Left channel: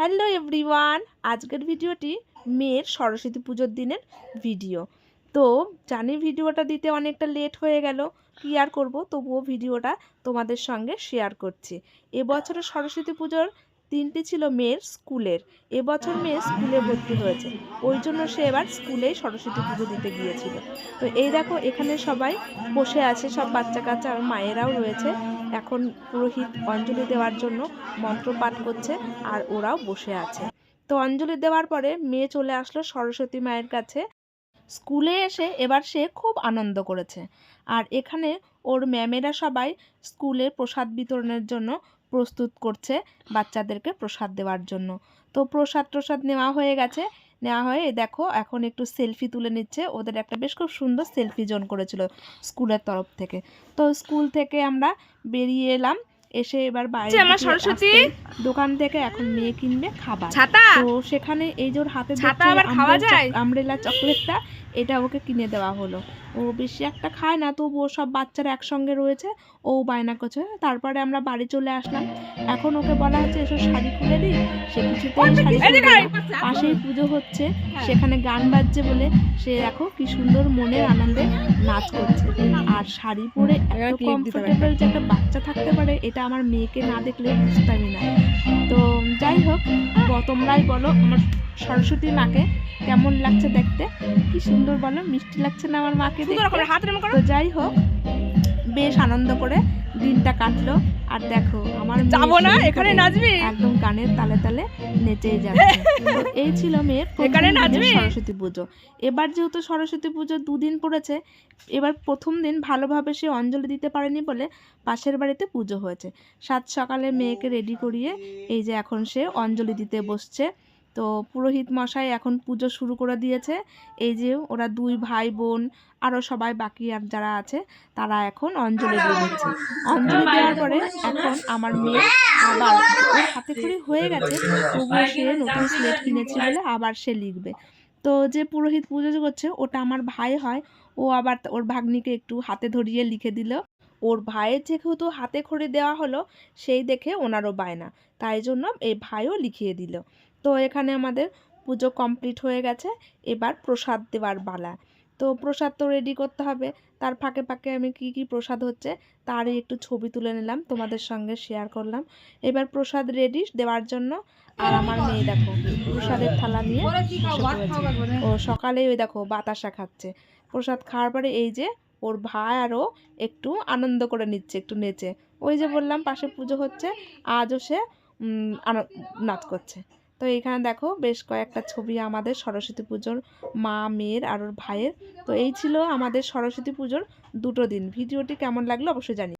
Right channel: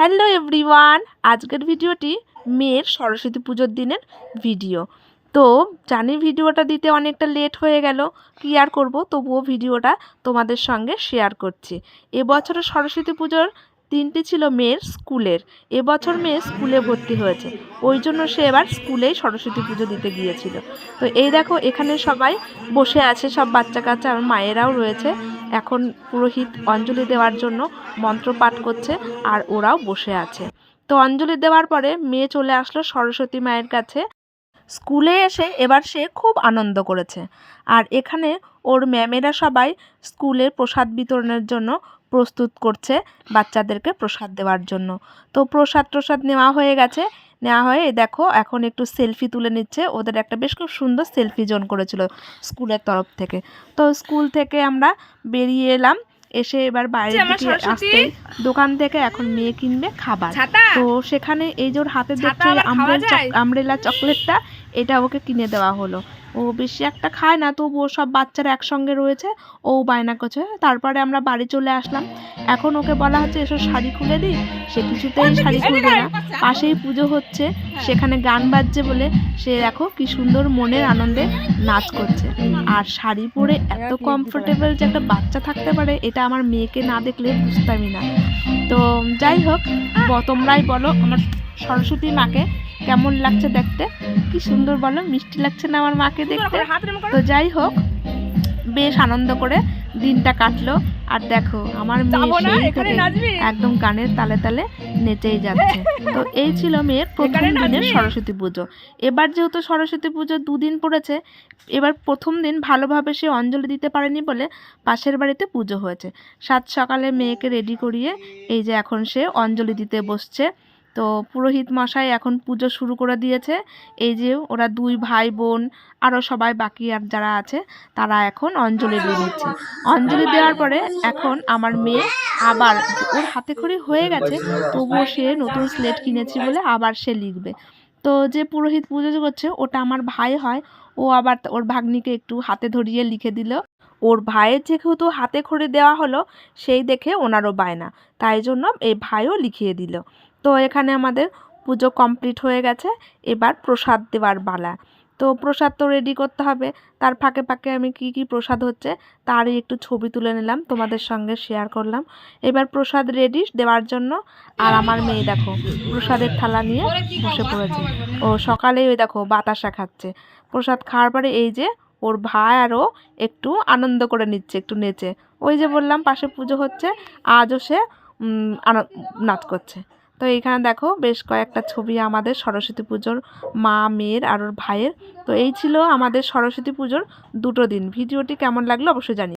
Hello everyone, আজকের ভিডিওটি মেয়ের সরস্বতী পুজোর দিনের ভিডিও। তো জানি ভিডিওটা দিতে অনেকটা লেট হয়ে গেল, কী আর করবো, তবুও ভিডিওটা তোমাদের সঙ্গে শেয়ার করছি। এবছরের সরস্বতী পুজোর দিনটি ছিল মেয়ের স্কুলের। এবছর মেয়ে স্কুলে ভর্তি হয়েছে, ওই জন্য সে এবার স্কুলেই সরস্বতী পুজো দিতে গিয়েছিল। তো এই দেখো এখানে সবাই বসে আছে, সব বাচ্চা কাচ্চা আর মায়েরাও রয়েছে। এখন পুরোহিত অঞ্জলি দেওয়ার জন্য মন্ত্র পাঠ করছে আর ওরাও বসে আছে। তো অঞ্জলি দেওয়ার পরে মেয়ে চলে আসলো সরস্বতী মায়ের কাছে। স্কুলে এসে এবার সে খুব আনন্দ করেছে। আর এখানে ওর ম্যামেরা সবাই স্কুলে প্রসাদ বিতরণের জন্য প্রস্তুত করছে, বাচ্চাদেরকে প্রসাদ দেওয়ার জন্য। তো প্রসাদ নেওয়া হয়ে গেছে, নেওয়া হয়ে দেখো এখন একটু সেলফি তুলে নিচ্ছে। ওদের একটা বেশ খুব সুন্দর সেলফি জোন করেছিল স্কুলের তরফ থেকে। তো স্কুল থেকে আমরা বেরিয়ে এলাম, এসে এবার বাইরে আসতে দোকান থেকে এখন মেয়ে কিনবে খাবার। তো সেখানে এই যে ওর হাতে দেখছে আমব্রেলা চকলেটটা, এটা ওকে কিনে দেওয়া হলো। ও বেশি একটা খায় না, তবুও সব বাচ্চারা একসঙ্গে রয়েছে, ও বায়না করছে। তারপরে আমরা বাড়ি চলে আসলাম। এখন ওকে বলা হচ্ছে এসব শাড়ি খুলে দিই, সে কিছুতেই শাড়ি খুলবে না। পাশেই পুজো হচ্ছে, সেখানে গান বাজছে বলে সে দেখো কি সুন্দর মনের আনন্দে নাচ করছে। আর শাড়ি পরে এত কমফোর্টেবল যে একটা বাচ্চা থাকতে পারে, এটা আমার মেয়েকে না দেখলে বুঝতামই না। তো যাই হোক, তোমরাই বলো আমার সরস্বতী মাকে কেমন লাগছে দেখতে, কি সুন্দর বলো, মিষ্টি লাগছে না আমার মাকে দেখতে? তো যাই হোক, বেশ আনন্দ করে দিনটা কাটলো। আর দেখো আমার মেয়ে একদম গানের তালে তালে নেচেই যাচ্ছে। তো এই ছিল মেয়ের প্রথম দিনের সরস্বতী পুজো। এবার যেহেতু সরস্বতী পুজো দুদিন পড়েছে, এবার প্রথম দিন ভালোভাবে সে অঞ্জলি দিতে পারেনি বলে পাশের বাড়িতে পুজো হয়েছে। সাত সকালে মেয়েকে রেডি করিয়ে এই যে এখন সে অঞ্জলি দিতে বসছে। তো পুরোহিত মশাই এখন পুজো শুরু করে দিয়েছে। এই যে ওরা দুই ভাই বোন আরও সবাই বাকি আর যারা আছে তারা এখন অঞ্জলি দিয়ে নিচ্ছে। অঞ্জলি দেওয়ার পরে এখন আমার মেয়ে আবার, ওর হাতে করে হয়ে গেছে, তবুও সে নতুন স্লেট কিনেছি বলে আবার সে লিখবে। তো যে পুরোহিত পুজো করছে ওটা আমার ভাই হয়, ও আবার ওর ভাগ্নিকে একটু হাতে ধরিয়ে লিখে দিল। ওর ভাইয়ের যেহেতু হাতে খড়ি দেওয়া হলো, সেই দেখে ওনারও বায়না, তাই জন্য এই ভাইও লিখিয়ে দিল। তো এখানে আমাদের পুজো কমপ্লিট হয়ে গেছে, এবার প্রসাদ দেওয়ার পালা। তো প্রসাদ তো রেডি করতে হবে, তার ফাঁকে ফাঁকে আমি কি কি প্রসাদ হচ্ছে তারই একটু ছবি তুলে নিলাম, তোমাদের সঙ্গে শেয়ার করলাম। এবার প্রসাদ রেডি দেওয়ার জন্য, আর আমার মেয়ে দেখো প্রসাদের থালা নিয়ে বসে পড়েছে। ও সকালেই ওই দেখো বাতাসা খাচ্ছে। প্রসাদ খাওয়ার পরে এই যে ওর ভাই আরও একটু আনন্দ করে নিচ্ছে, একটু নেচে। ওই যে বললাম পাশে পুজো হচ্ছে, আজও সে নাচ করছে। তো এইখানে দেখো বেশ কয়েকটা ছবি আমাদের সরস্বতী পুজোর, মা মেয়ের আর ওর ভাইয়ের। তো এই ছিল আমাদের সরস্বতী পুজোর দুটো দিন। ভিডিওটি কেমন লাগলো অবশ্যই জানিও।